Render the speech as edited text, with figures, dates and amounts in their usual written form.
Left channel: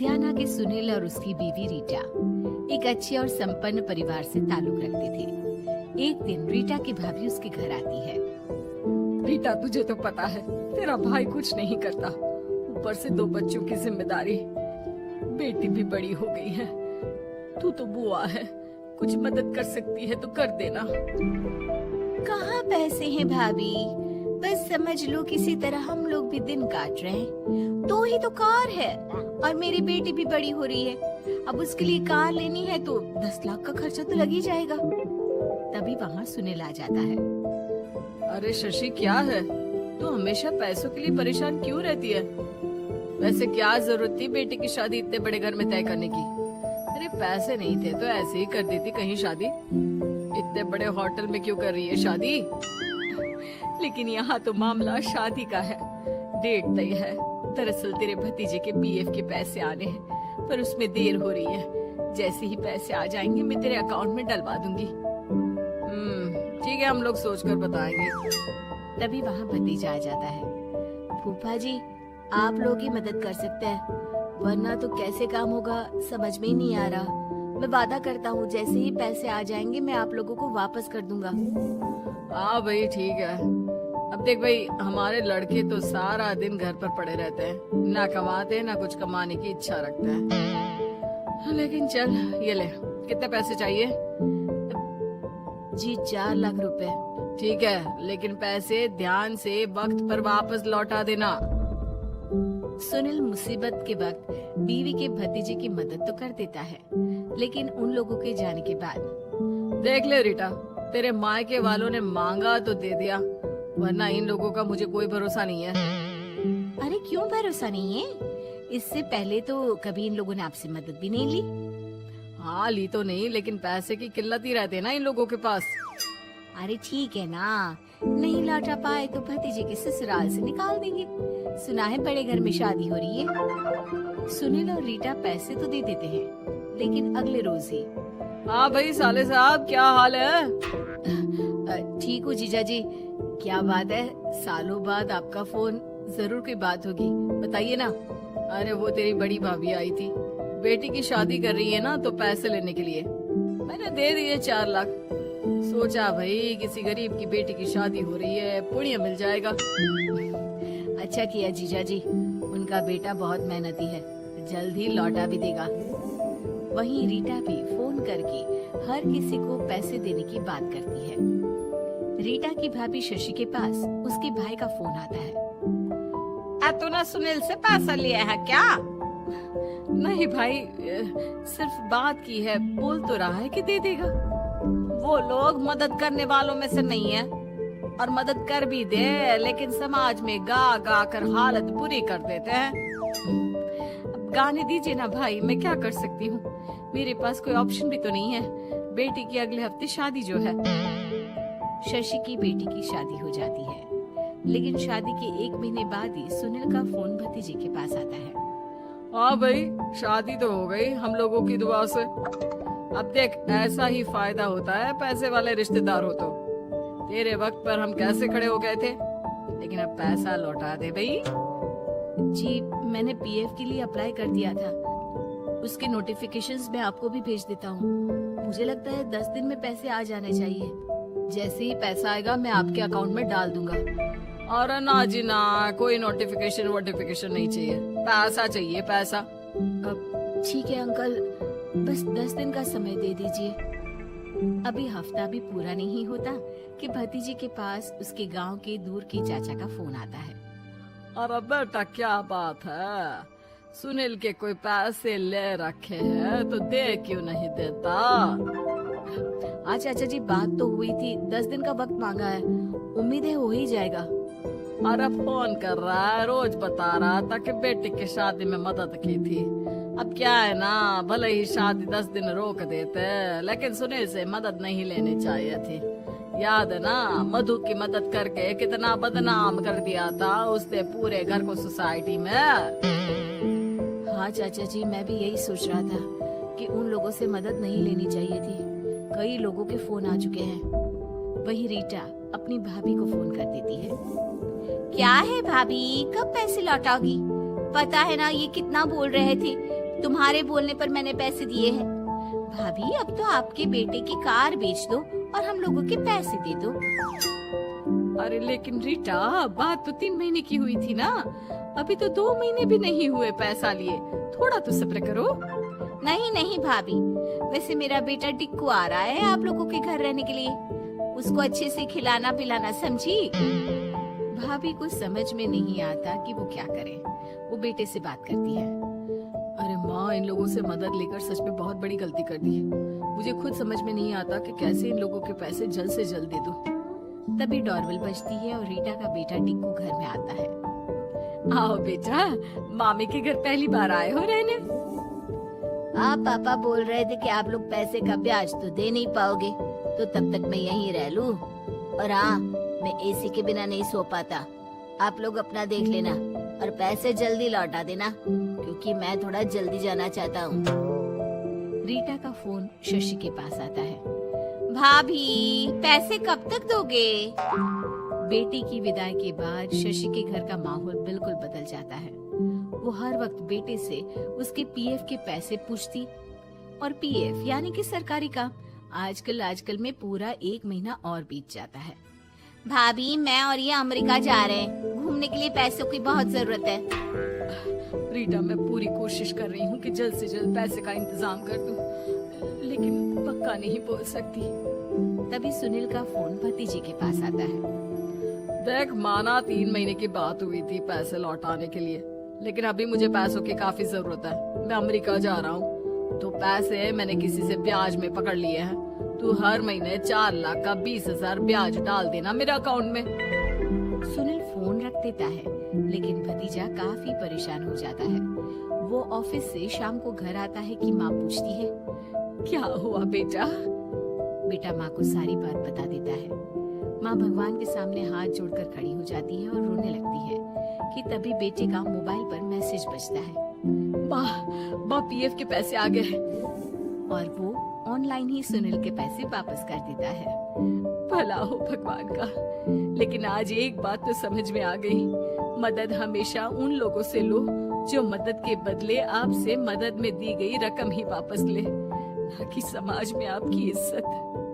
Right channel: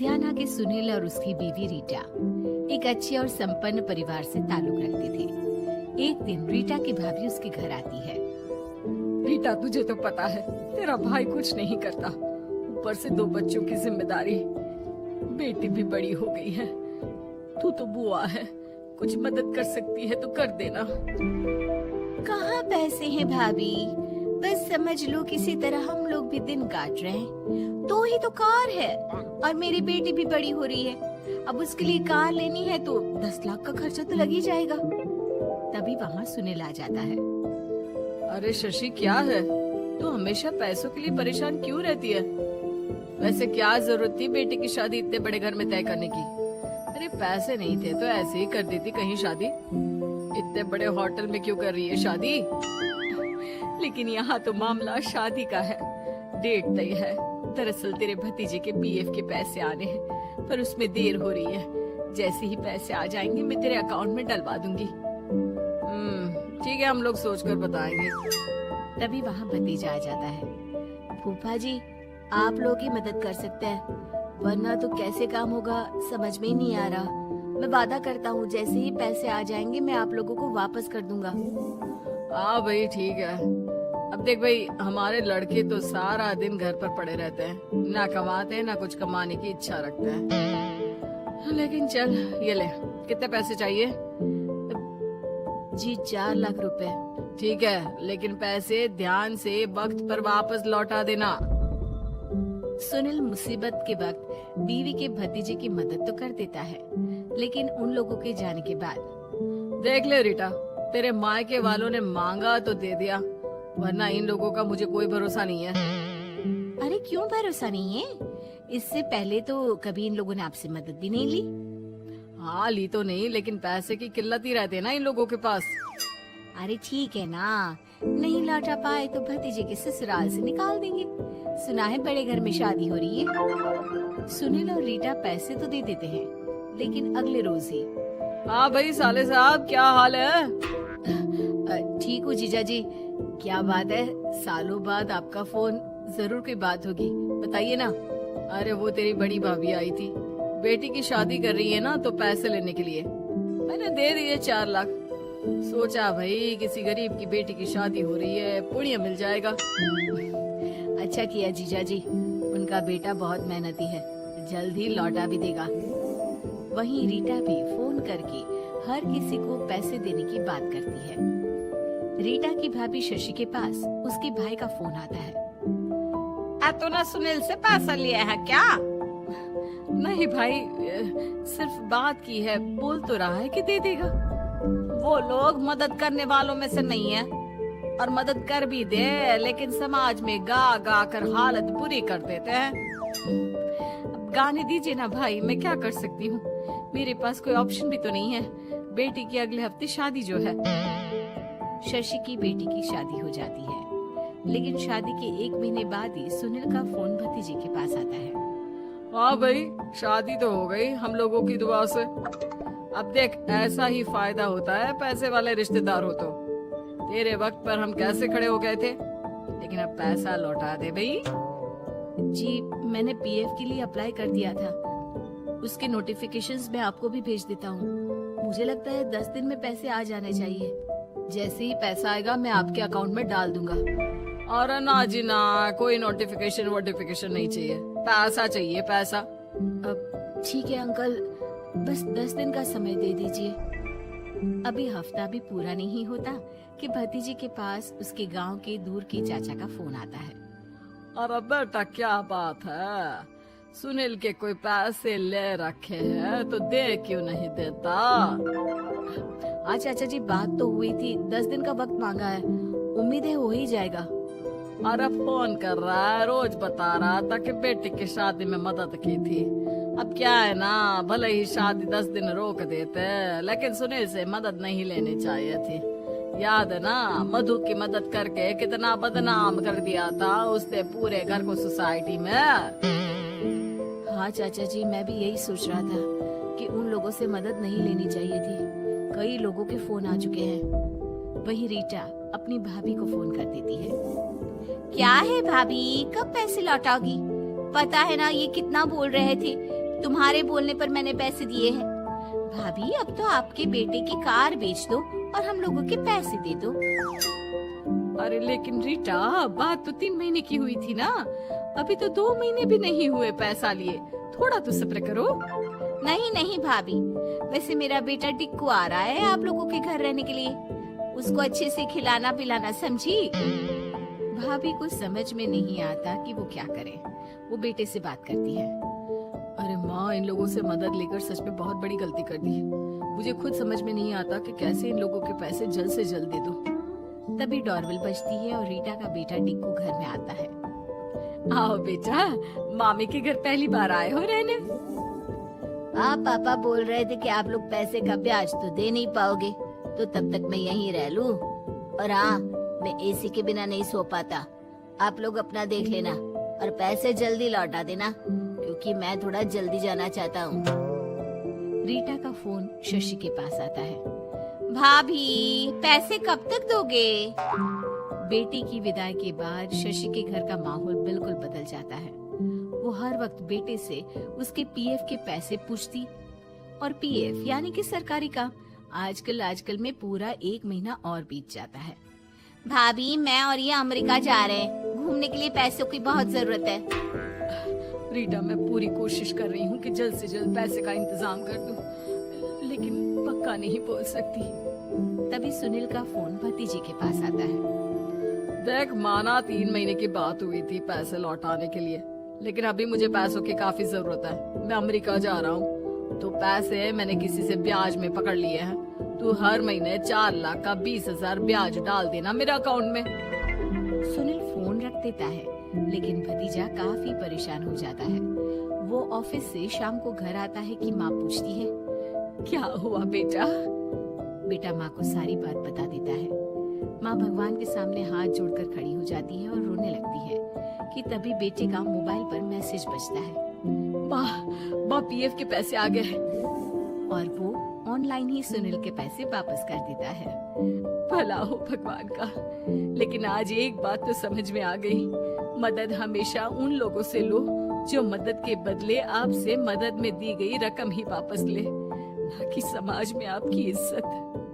लुधियाना के सुनील और उसकी बीवी रीटा एक अच्छे और संपन्न परिवार से ताल्लुक रखते थे। एक दिन रीटा की भाभी उसके घर आती है। रीटा, तुझे तो पता है तेरा भाई कुछ नहीं करता, ऊपर से 2 बच्चों की जिम्मेदारी, बेटी भी बड़ी हो गई है। तू तो बुआ है, कुछ मदद कर सकती है तो कर देना। कहाँ पैसे हैं भाभी, बस समझ लो किसी तरह हम लोग भी दिन काट रहे हैं। 2 ही तो कार है और मेरी बेटी भी बड़ी हो रही है। अब उसके लिए कार लेनी है तो 10 लाख का खर्चा तो लग ही जाएगा। तभी वहाँ सुनील आ जाता है। अरे शशि, क्या है, तू हमेशा पैसों के लिए परेशान क्यों रहती है? वैसे क्या जरूरत थी बेटी की शादी इतने बड़े घर में तय करने की? अरे पैसे नहीं थे तो ऐसे ही कर देती कहीं शादी। इतने बड़े होटल में क्यों कर रही है शादी? लेकिन यहाँ तो मामला शादी का है, डेट तय है। दरअसल तेरे भतीजे के पीएफ के पैसे आने हैं, पर उसमें देर हो रही है। जैसे ही पैसे आ जाएंगे मैं तेरे अकाउंट में डलवा दूंगी। ठीक है, हम लोग सोचकर बताएंगे। तभी वहाँ भतीजा आ जाता है। फूफा जी, आप लोग ही मदद कर सकते हैं, वरना तो कैसे काम होगा समझ में ही नहीं आ रहा। मैं वादा करता हूँ जैसे ही पैसे आ जाएंगे मैं आप लोगों को वापस कर दूंगा। हाँ भाई, ठीक है। अब देख भाई, हमारे लड़के तो सारा दिन घर पर पड़े रहते हैं, ना कमाते हैं ना कुछ कमाने की इच्छा रखते हैं। लेकिन चल, ये ले, कितने पैसे चाहिए? जी 4 लाख रुपए। ठीक है, लेकिन पैसे ध्यान से वक्त पर वापस लौटा देना। सुनील मुसीबत के वक्त बीवी के भतीजे की मदद तो कर देता है, लेकिन उन लोगों के जाने के बाद देख ले रीटा, तेरे मायके वालों ने मांगा तो दे दिया, वरना इन लोगों का मुझे कोई भरोसा नहीं है। अरे क्यों भरोसा नहीं है? इससे पहले तो कभी इन लोगों ने आपसे मदद भी नहीं ली। हाँ, ली तो नहीं, लेकिन पैसे की किल्लत ही रहती है ना इन लोगों के पास। अरे ठीक है ना, नहीं लौटा पाए तो भतीजे के ससुराल से निकाल देंगे। सुना है बड़े घर में शादी हो रही है। सुनील और रीटा पैसे तो दे देते हैं, लेकिन अगले रोज ही। हाँ भाई साले साहब, क्या हाल है? ठीक हूँ जीजा जी। क्या बात है, सालों बाद आपका फोन, जरूर कोई बात होगी, बताइए ना। अरे वो तेरी बड़ी भाभी आई थी, बेटी की शादी कर रही है ना, तो पैसे लेने के लिए मैंने दे दिए 4 लाख। सोचा भाई किसी गरीब की बेटी की शादी हो रही है, पुण्य मिल जाएगा। अच्छा किया जीजा जी, उनका बेटा बहुत मेहनती है, जल्द ही लौटा भी देगा। वहीं रीटा भी फोन करके हर किसी को पैसे देने की बात करती है। रीटा की भाभी शशि के पास उसके भाई का फोन आता है। तूने सुनील से पैसा लिया है क्या? नहीं भाई, सिर्फ बात की है, बोल तो रहा है कि दे देगा। वो लोग मदद करने वालों में से नहीं है, और मदद कर भी दे लेकिन समाज में गा गा कर हालत बुरी कर देते हैं। अब गाने दीजिए ना भाई, मैं क्या कर सकती हूँ, मेरे पास कोई ऑप्शन भी तो नहीं है। बेटी की अगले हफ्ते शादी जो है। शशि की बेटी की शादी हो जाती है, लेकिन शादी के 1 महीने बाद ही सुनील का फोन भतीजे के पास आता है। हाँ भाई, शादी तो हो गई हम लोगों की दुआ से। अब देख, ऐसा ही फायदा होता है पैसे वाले रिश्तेदार हो तो। तेरे वक्त पर हम कैसे खड़े हो गए थे, लेकिन अब पैसा लौटा दे भाई। जी, मैंने पीएफ के लिए अप्लाई कर दिया था, उसके नोटिफिकेशंस मैं आपको भी भेज देता हूँ। मुझे लगता है 10 दिन में पैसे आ जाना चाहिए। जैसे ही पैसा आएगा मैं आपके अकाउंट में डाल दूंगा। और ना जी ना, कोई नोटिफिकेशन नहीं चाहिए, पैसा चाहिए, पैसा। ठीक है अंकल, बस 10 दिन का समय दे दीजिए। अभी हफ्ता भी पूरा नहीं होता कि भतीजे के पास उसके गांव के दूर के चाचा का फोन आता है। अरे बेटा, क्या बात है, सुनील के कोई पैसे ले रखे हैं तो दे क्यों नहीं देता? हाँ चाचा जी, बात तो हुई थी, 10 दिन का वक्त मांगा है, उम्मीद है हो ही जाएगा। अरे फोन कर रहा है, रोज बता रहा था कि बेटी की शादी में मदद की थी। अब क्या है ना, भले ही शादी 10 दिन रोक देते, लेकिन सुनील से मदद नहीं लेनी चाहिए थी। याद है ना, मधु की मदद करके कितना बदनाम कर दिया था उसने पूरे घर को सोसाइटी में। हाँ चाचा जी, मैं भी यही सोच रहा था कि उन लोगों से मदद नहीं लेनी चाहिए थी। कई लोगों के फोन आ चुके हैं। वही रीटा अपनी भाभी को फोन कर देती है। क्या है भाभी, कब पैसे लौटाओगी? पता है ना ये कितना बोल रहे थे तुम्हारे बोलने पर मैंने पैसे दिए हैं। भाभी अब तो आपके बेटे की कार बेच दो और हम लोगों के पैसे दे दो। अरे लेकिन रीटा, बात तो 3 महीने की हुई थी ना, अभी तो 2 महीने भी नहीं हुए पैसा लिए, थोड़ा तो सब्र करो। नहीं नहीं भाभी, वैसे मेरा बेटा टिक्कू आ रहा है आप लोगों के घर रहने के लिए, उसको अच्छे से खिलाना पिलाना, समझी? भाभी को समझ में नहीं आता कि वो क्या करे। वो बेटे से बात करती है। अरे माँ, इन लोगों से मदद लेकर सच में बहुत बड़ी गलती कर दी। मुझे खुद समझ में नहीं आता कि कैसे इन लोगों के पैसे जल्द से जल्द दे दो। तभी डोरबेल बजती है और रीटा का बेटा टिक्कू घर में आता है। आओ बेटा, मामी के घर पहली बार आए हो रहने। आप पापा बोल रहे थे कि आप लोग पैसे का ब्याज तो दे नहीं पाओगे, तो तब तक मैं यहीं रह लूं। और हाँ, मैं एसी के बिना नहीं सो पाता। आप लोग अपना देख लेना और पैसे जल्दी लौटा देना, क्योंकि मैं थोड़ा जल्दी जाना चाहता हूँ। रीटा का फोन शशि के पास आता है। भाभी, पैसे कब तक दोगे? बेटे की विदाई के बाद शशि के घर का माहौल बिल्कुल बदल जाता है। वो हर वक्त बेटे से उसके पीएफ के पैसे पूछती, और पीएफ यानी कि सरकारी काम। आजकल में पूरा 1 महीना और बीत जाता है। भाभी, मैं और ये अमेरिका जा रहे हैं, घूमने के लिए पैसों की बहुत जरूरत है। रीटा, मैं पूरी कोशिश कर रही हूँ कि जल्द से जल्द पैसे का इंतजाम कर दूं, लेकिन पक्का नहीं बोल सकती। तभी सुनील का फोन भतीजे के पास आता है। देख माना, 3 महीने की बात हुई थी पैसे लौटाने के लिए, लेकिन अभी मुझे पैसों की काफी जरूरत है। मैं अमेरिका जा रहा हूँ, तो पैसे मैंने किसी से ब्याज में पकड़ लिए हैं। तू हर महीने 4 लाख का 20,000 ब्याज डाल देना मेरे अकाउंट में। सुनील फोन रख देता है, लेकिन भतीजा काफी परेशान हो जाता है। वो ऑफिस से शाम को घर आता है कि माँ पूछती है, क्या हुआ बेटा? बेटा माँ को सारी बात बता देता है। माँ भगवान के सामने हाथ जोड़कर खड़ी हो जाती है और रोने लगती है कि तभी बेटे का मोबाइल पर मैसेज बजता है। माँ, पीएफ के पैसे आ गए हैं। और वो ऑनलाइन ही सुनील के पैसे वापस कर देता है। भला हो भगवान का। लेकिन आज एक बात तो समझ में आ गई, मदद हमेशा उन लोगों से लो जो मदद के बदले आपसे मदद में दी गई रकम ही वापस ले, ना कि समाज में आपकी इज्जत।